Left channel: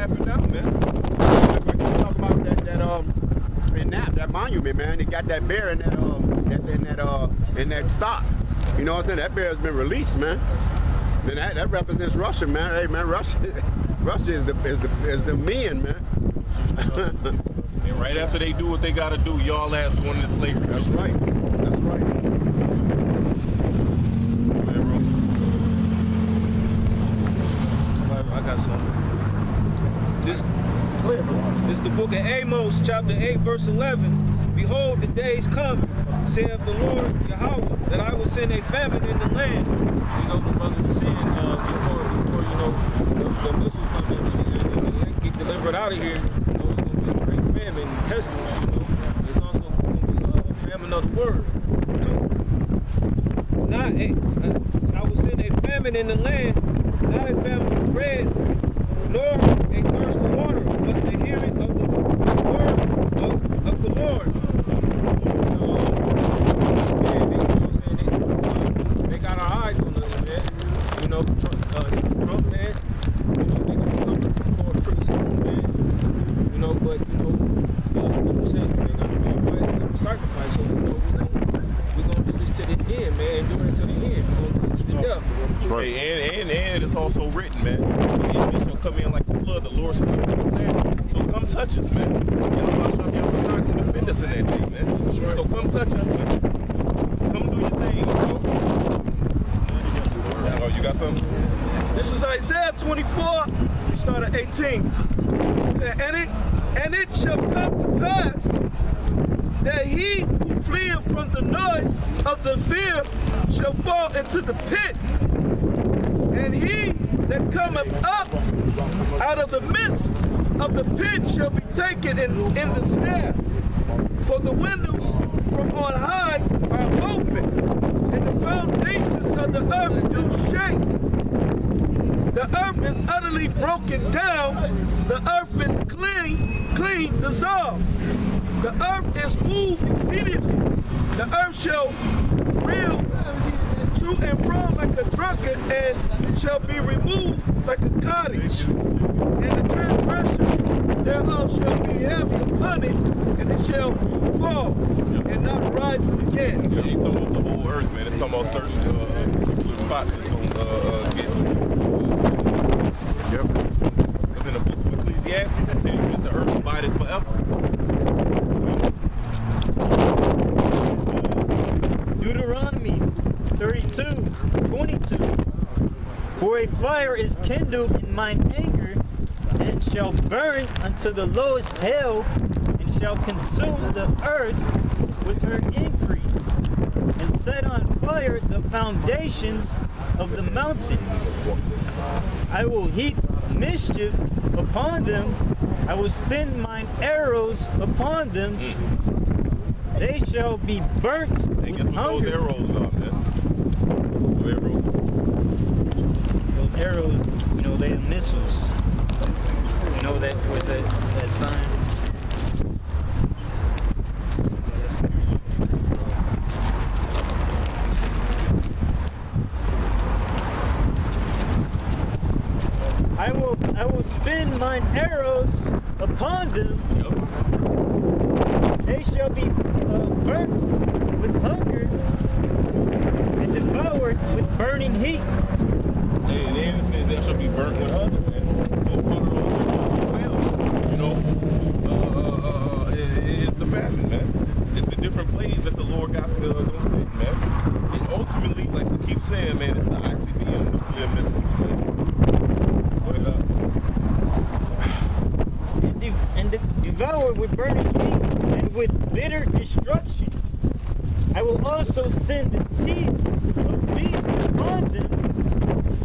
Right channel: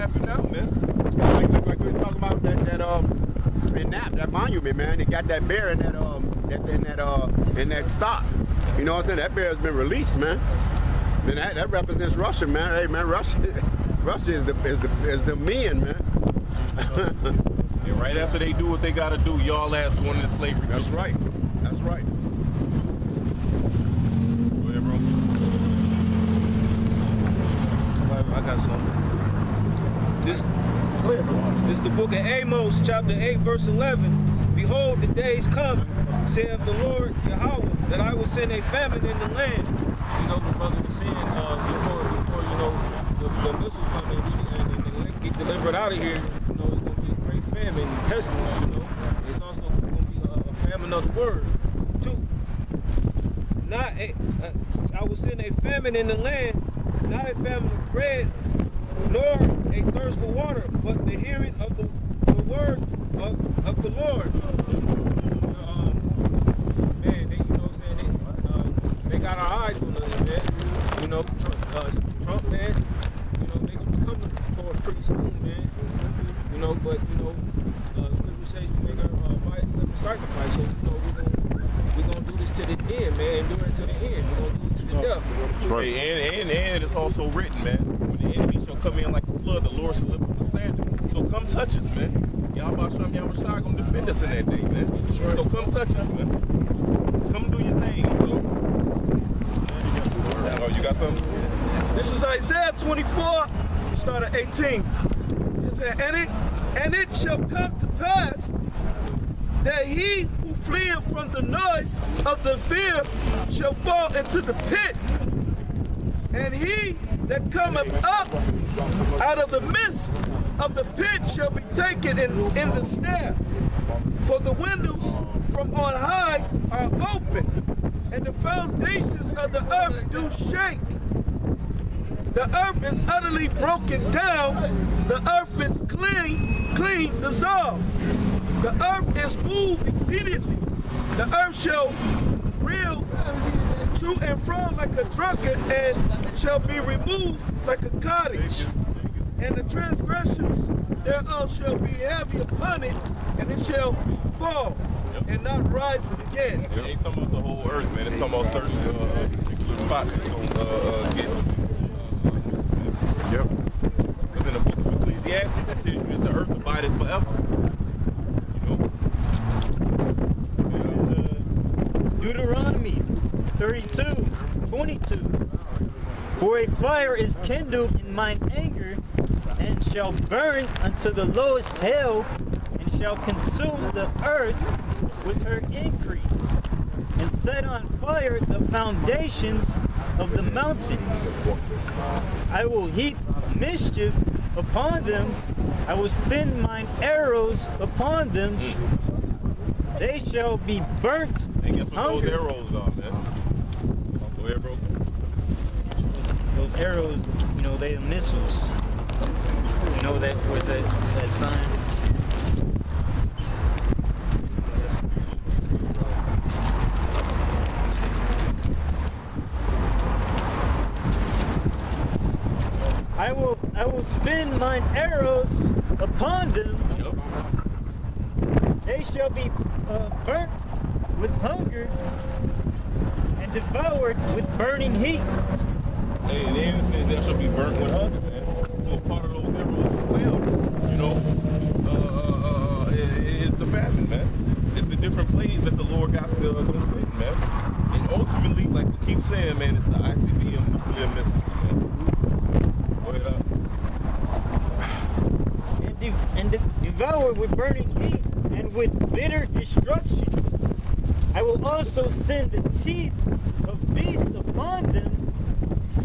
happen now, man. Like you talking about that monument, man. They got that bear in that stock. You know what I'm saying? That bear has been released, man. Then that represents Russia, man. Hey, man, Russia is the men, man. And right after they do what they gotta do, y'all ass going into slavery. That's too. right. That's right. Go ahead, bro. I got something. This is the book of Amos, chapter 8, verse 11. Behold, the days come, saith the Lord Yahweh, that I will send a famine in the land. You know, the brother was saying before you know, the missiles come in and they get delivered out of here, you know, it's going to be a great famine and pestilence, you know. It's also going to be a famine of the word, too. I will send a famine in the land, not a famine of bread, nor a thirst for water, but the hearing of the word of the Lord. Man, they, you know what I'm saying? They got our eyes on us, man. You know, Trump, man, you know, they're going to be coming for us pretty soon, man. You know, but, you know, Scripture says you ain't got to fight and sacrifice. So, you know, we're going to do this to the end, man. Endure it to the end. We're going to do it to the death. That's right. Hey, and it's also written, man. The enemy shall come in like a flood. The Lord shall lift up a standard. So come touch us, man. Y'all going to defend us in that day, man. Right. So come touch us, man. Come do your thing, so. Oh, you got something? This is Isaiah 24, start at 18. It said, and it shall come to pass that he who fleeth from the noise of the fear shall fall into the pit, and he that cometh up out of the midst of the pit shall be taken in the snare. For the windows from on high are open, and the foundations of the earth do shake. The earth is utterly broken down. The earth is clean dissolved. The earth is moved exceedingly. The earth shall reel to and fro like a drunkard, and shall be removed like a cottage. And the transgressions thereof shall be heavy upon it, and it shall fall and not rise again. It ain't talking about the whole earth, man. It's talking about certain particular spots that's going to get. Yep. Because in the book of Ecclesiastes, it tells you that the earth abideth forever. Deuteronomy 32:22. For a fire is kindled in mine anger, and shall burn unto the lowest hell, and shall consume the earth with her increase, and set on fire the foundations of the mountains. I will heap mischief upon them. I will spin mine arrows upon them. They shall be burnt. And guess what those arrows are, man? Go ahead, bro. Those arrows, you know, they are missiles. You know that was that sign. I will spin mine arrows upon them. Yep. They shall be burnt with hunger and devoured with burning heat. Hey, and then it says they shall be burnt with hunger, man. So part of those arrows as well, you know, is the famine, man. It's the different plays that the Lord got to go sit, man. And ultimately, like we keep saying, man, it's the ICBM nuclear missiles, man. And devoured with burning heat and with bitter destruction. I will also send the teeth of beasts upon them,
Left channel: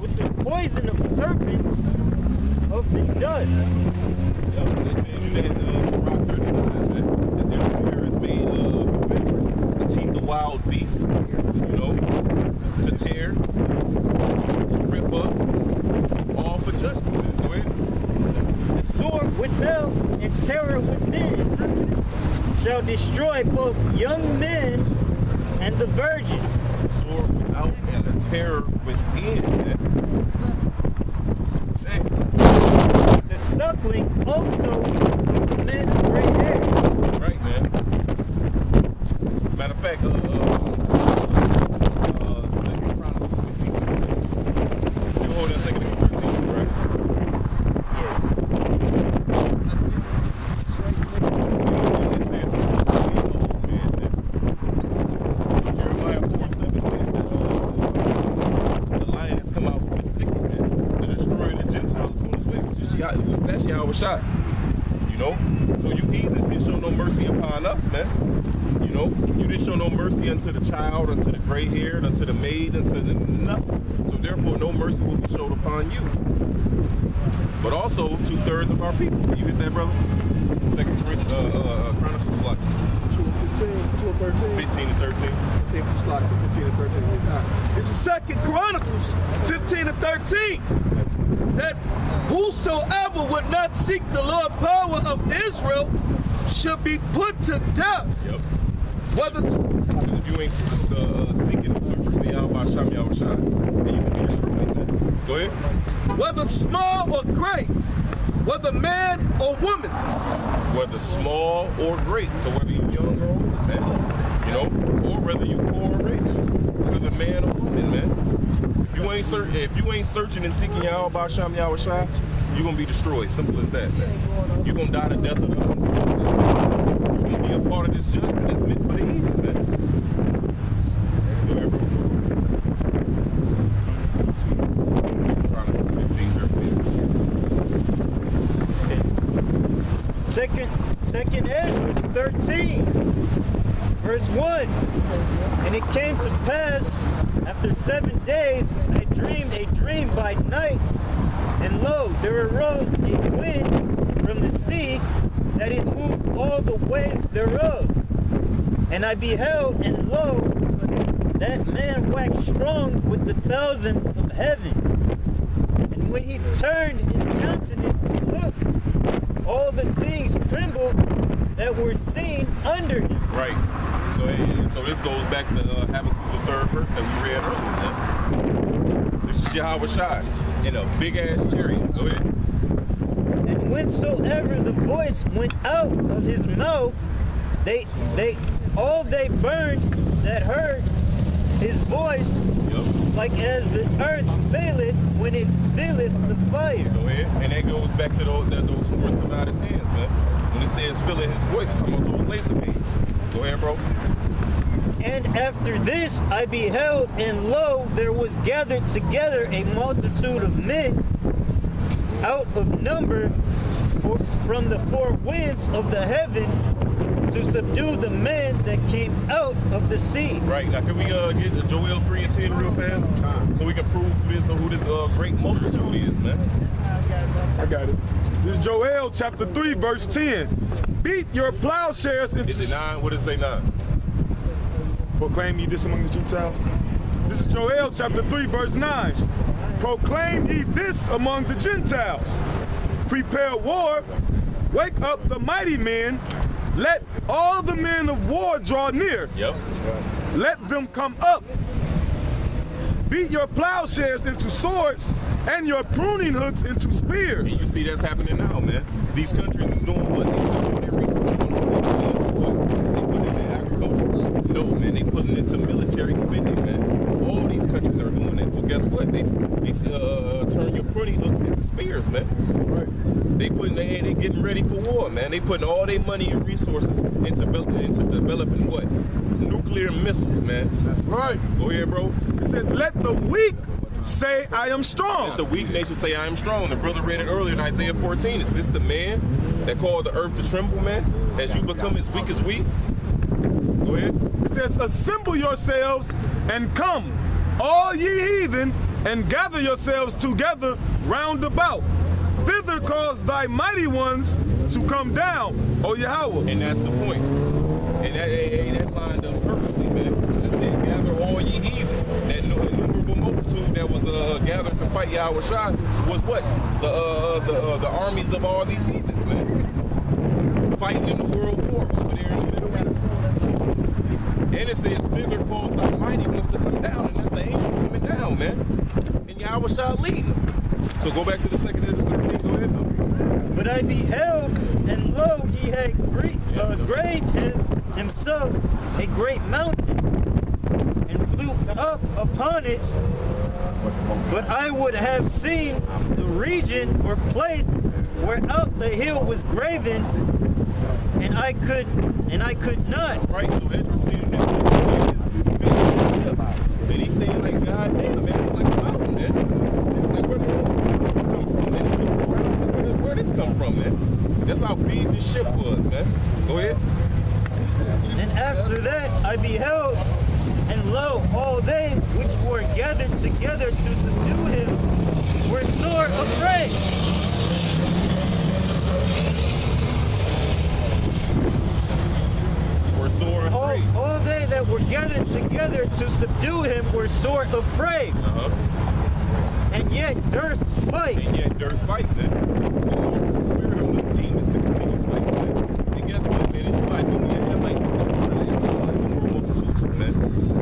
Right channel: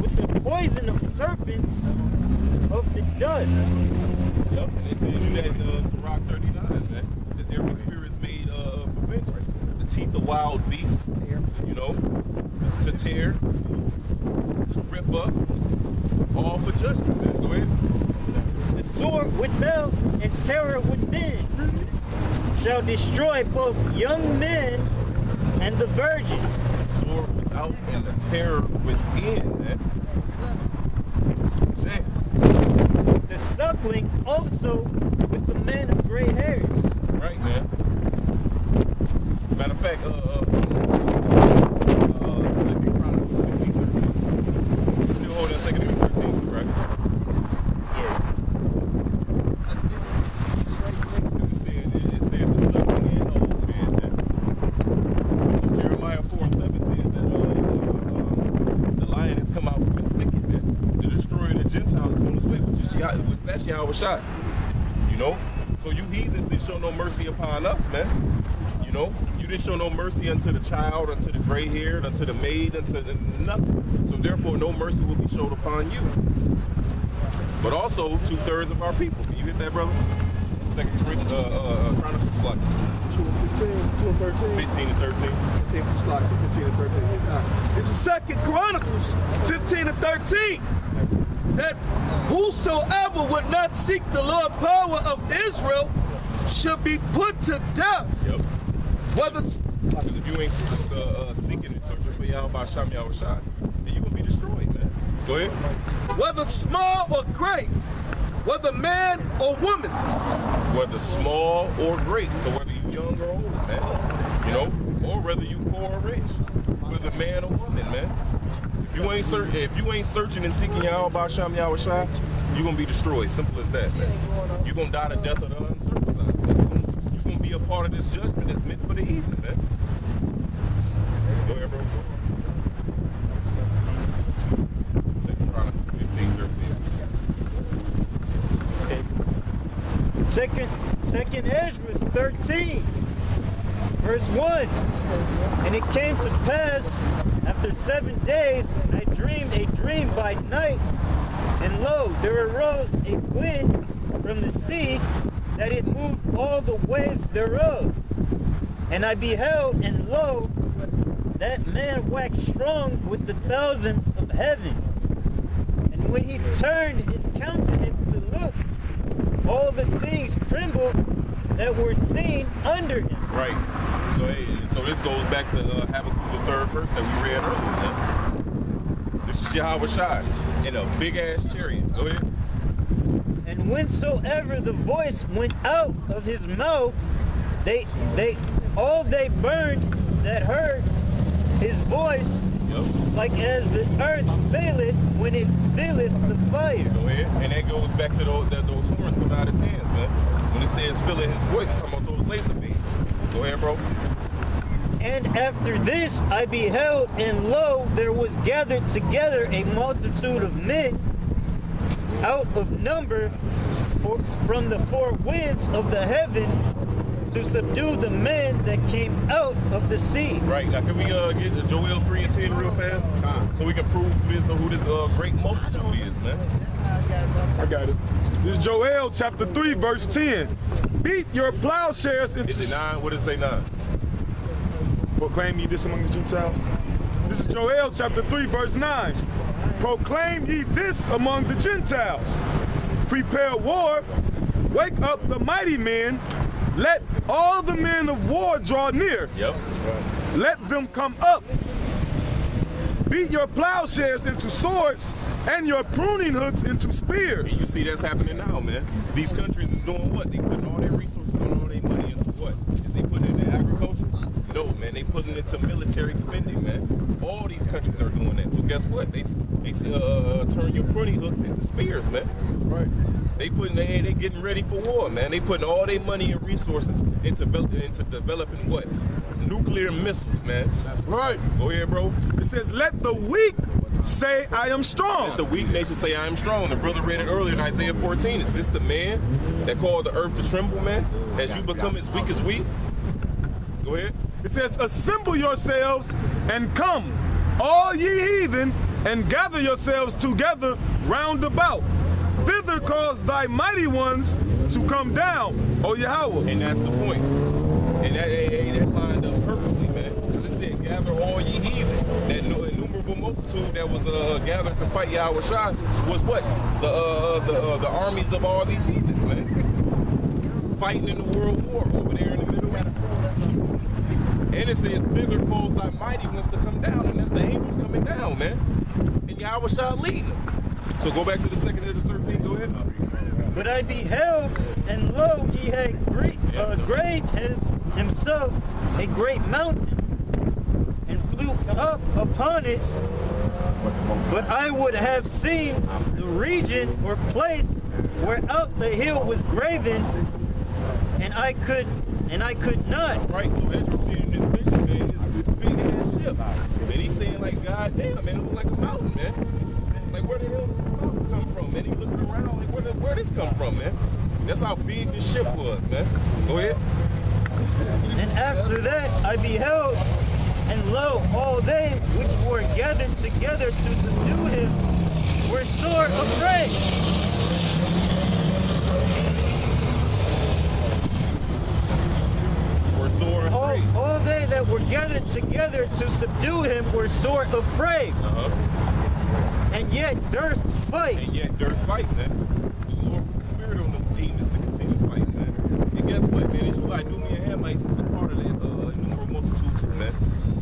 with the poison of serpents of the dust. Yep, and it tells you that in Rock 39, man, that their spirit is made of adventurous. The teeth of wild beasts, you know, to tear, to rip up, all for judgment, man. Go ahead. The sword without and terror within shall destroy both young men and the virgin. The sword without and the terror within, man. Dang. The suck dealing also with the men of gray hair. Right, man. Matter of fact, 2 Chronicles 15:13. Still holding 2 Chronicles 13 too, right? It said the silver and old man. So Jeremiah 4:7 says that the lion has come out from his thicket, man, to destroy the Gentiles on his way, that's Yahweh shot. You know? So you heathens didn't show no mercy upon us, man. You know? You didn't show no mercy unto the child, unto the gray-haired, unto the maid, unto the nothing. So therefore, no mercy will be showed upon you. But also, 2/3 of our people. Can you hit that, brother? 2 Chronicles, like 2 and 15, 2 and 13. 15 and 13. 15 to slide, 15 and 13. It's the 2 Chronicles 15 and 13. That whosoever would not seek the Lord power of Israel should be put to death. Yep. Whether Because if you ain't seeking and searching for Yahweh Shem Yahweh Shai, then you can be destroyed, man. Go ahead. whether small or great, whether man or woman, Whether small or great, so whether you young or old, man, you know, or whether you poor or rich, whether man or woman, man. If you ain't searching and seeking Yahweh Shem Yahweh Shai, you're gonna be destroyed. Simple as that, man. You're gonna die the death of the uncircumcised. You're gonna be a part of this judgment that's meant for the heathen, man. Go ahead, bro. 2 Chronicles 15:13. Second Ezra 13, verse 1. And it came to pass, after 7 days, I dreamed a dream by night, and lo, there arose a wind from the sea, that it moved all the waves thereof. And I beheld, and lo, that man waxed strong with the thousands of heaven. And when he turned his countenance to look, all the things trembled that were seen under him. Right. So this goes back to Habakkuk, the 3rd verse that we read earlier, man. This is Yahweh Shai in a big ass chariot. Go ahead. And whensoever the voice went out of his mouth, they burned that heard his voice, Yep. like as the earth faileth when it filleth the fire. Go ahead. And that goes back to those horns coming out of his hands, man. When it says filling his voice, it's talking about those laser beams. Go ahead, bro. And after this I beheld, and lo, there was gathered together a multitude of men out of number from the four winds of the heaven to subdue the men that came out of the sea. Right. Now, can we get Joel 3 and 10 real fast? So we can prove who this great multitude is, man. I got it. This is Joel chapter 3, verse 10. Beat your plowshares into... Is it 9? What does it say 9? Proclaim ye this among the Gentiles. This is Joel chapter 3, verse 9. Proclaim ye this among the Gentiles. Prepare war. Wake up the mighty men. Let all the men of war draw near. Yep. Let them come up. Beat your plowshares into swords and your pruning hooks into spears. And you see that's happening now, man. These countries is doing what? They put all their resources on all their money into what? Is they put it in agriculture? No, man. They put it into military spending, man. All these countries are doing that. So guess what? They turn your pruning hooks into spears, man. Right. They getting ready for war, man. They putting all their money and resources into developing what? Nuclear missiles, man. That's right. Go ahead, bro. It says, let the weak say, I am strong. Let the weak nation say, I am strong. The brother read it earlier in Isaiah 14. Is this the man that called the earth to tremble, man? As you become as weak as we? Go ahead. It says, assemble yourselves and come, all ye heathen, and gather yourselves together round about. Thither cause thy mighty ones to come down, O Yahweh. And that's the point. And that lined up perfectly, man. Because it said, gather all ye heathen. That innumerable multitude that was gathered to fight Yahweh Shai was what? The armies of all these heathens, man. Fighting in the world war over there in the Middle East. And it says, thither cause thy mighty ones to come down. And that's the angels coming down, man. And Yahweh Shai leading them. So go back to the 2 Ezra 13, go ahead. But I beheld, and lo, he had graved himself a great mountain, and flew up upon it. But I would have seen the region or place whereout the hill was graven, and I could not. Right, so Ezra seeing this next man is big ship. And he's saying like, God damn, man, it look like a mountain, man. And like, where did it come from, man? He looked around, like, where this come from, man? That's how big this ship was, man. Go ahead. And after that I beheld, and lo, all they which were gathered together to subdue him were sore afraid. All they that were gathered together to subdue him were sore afraid, and yet durst fight. And yet durst fight, man. The Lord, the Spirit of the demons to continue fighting, man. And guess what, man? It's like doing your Hamites is a part of that innumerable multitude too, man.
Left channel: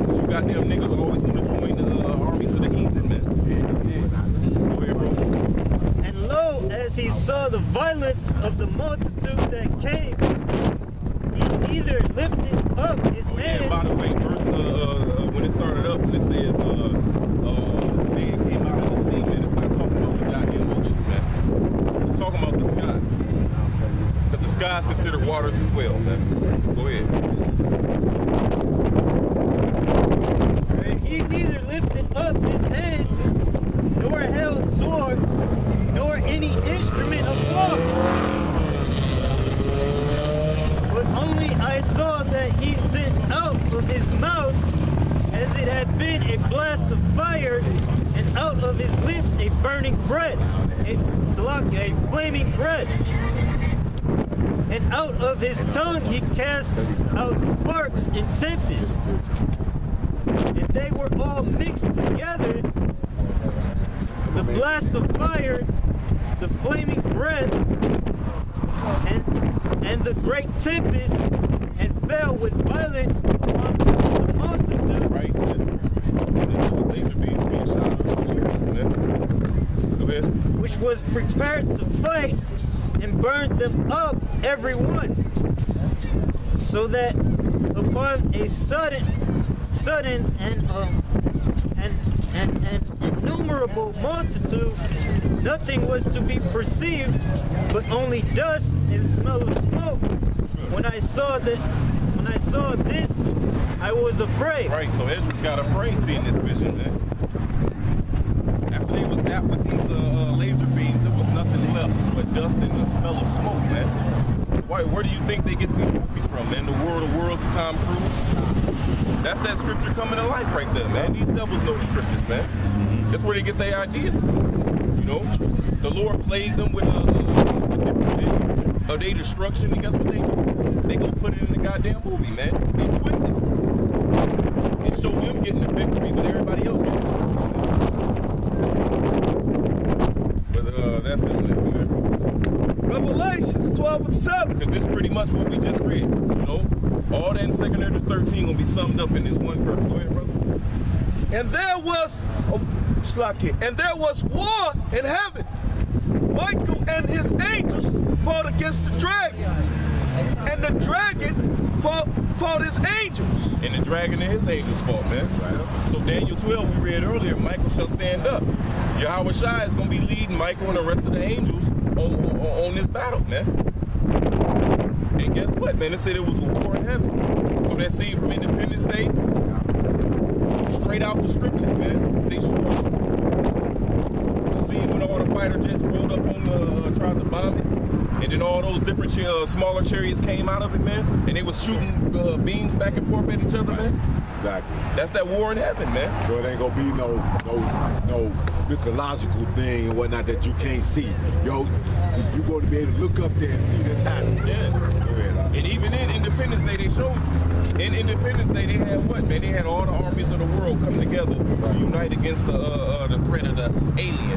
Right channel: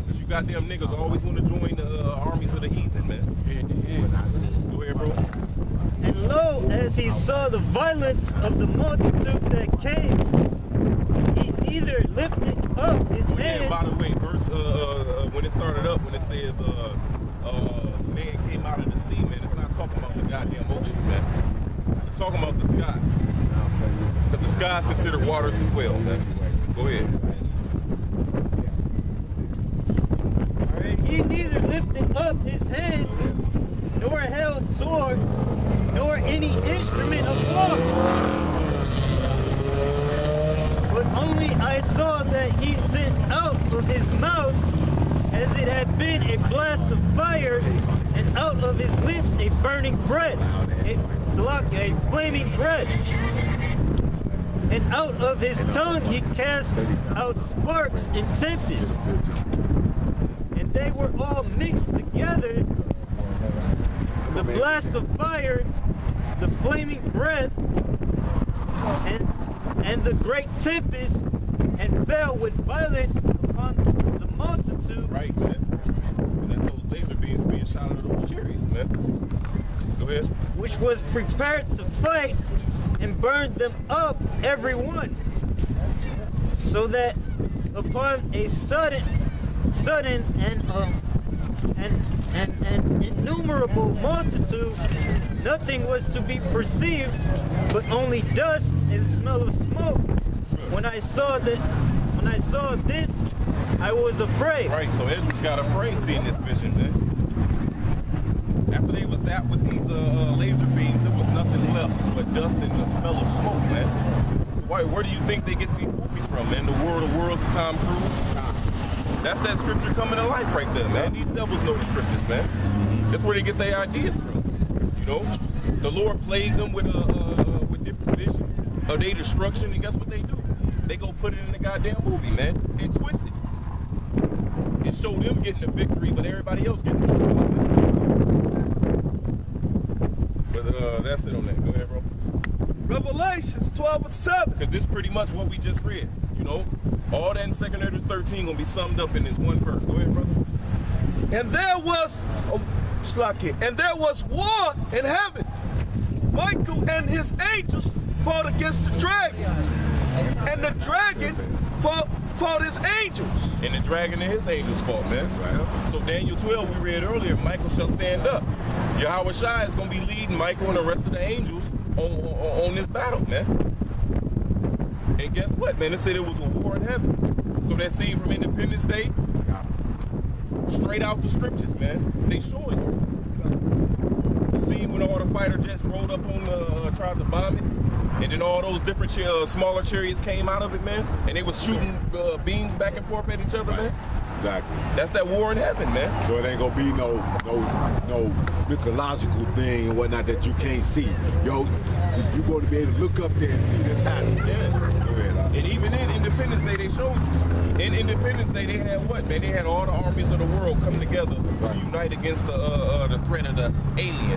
Because you got them niggas always want to join the armies of the heathen, man. Go ahead, bro. And lo, as he saw the violence of the multitude that came, he neither lifted up his hand. And by the way, verse when it started up, when it says the man came out of the sea, man, it's not talking about the goddamn ocean, man. It's talking about the sky. Because the sky is considered waters as well, man. Go ahead. He neither lifted up his hand, nor held sword, nor any instrument of war. But only I saw that he sent out of his mouth, as it had been a blast of fire, and out of his lips a burning breath, a flaming breath. And out of his tongue he cast out sparks and tempests. And they were all mixed together, the blast of fire, the flaming breath, and the great tempest, and fell with violence upon the multitude. Right, man. And then those laser beams being shot out of those chariots, man. Go ahead. Which was prepared to fight, and burned them up every one, so that upon a sudden and innumerable multitude, nothing was to be perceived, but only dust and smell of smoke. When I saw this, I was afraid. Right, so Ezra's got afraid seeing this vision, man. After they was zapped with these laser beams, there was nothing left but dust and the smell of smoke, man. So where do you think they get these movies from, man? The World of Worlds with Tom Cruise? That's that scripture coming to life right there, man. These devils know the scriptures, man. That's where they get their ideas from. You know, the Lord plagued them with different visions of their destruction, and guess what they do? They go put it in the goddamn movie, man. They twist it. It showed them getting the victory, but everybody else getting the victory. But that's it on that. Go ahead, bro. Revelations 12:7. Because this is pretty much what we just read, you know? All that in 2 Ezra 13 gonna be summed up in this one verse. Go ahead, brother. And there was war in heaven. Michael and his angels fought against the dragon, and the dragon fought his angels. And the dragon and his angels fought, man. So Daniel 12, we read earlier, Michael shall stand up. Yahweh Shai is gonna be leading Michael and the rest of the angels on this battle, man. And guess what, man? It said it was a war in heaven. So that scene from Independence Day, straight out the scriptures, man. They showed it. The scene when all the fighter jets rolled up on tried to bomb it, and then all those different smaller chariots came out of it, man. And they was shooting beams back and forth at each other, man. Exactly. That's that war in heaven, man. So it ain't gonna be no mythological thing and whatnot that you can't see. Yo, you're going to be able to look up there and see this happening. Yeah. And even in Independence Day, they showed you. In Independence Day, they had what, man? They had all the armies of the world come together to unite against the threat of the alien.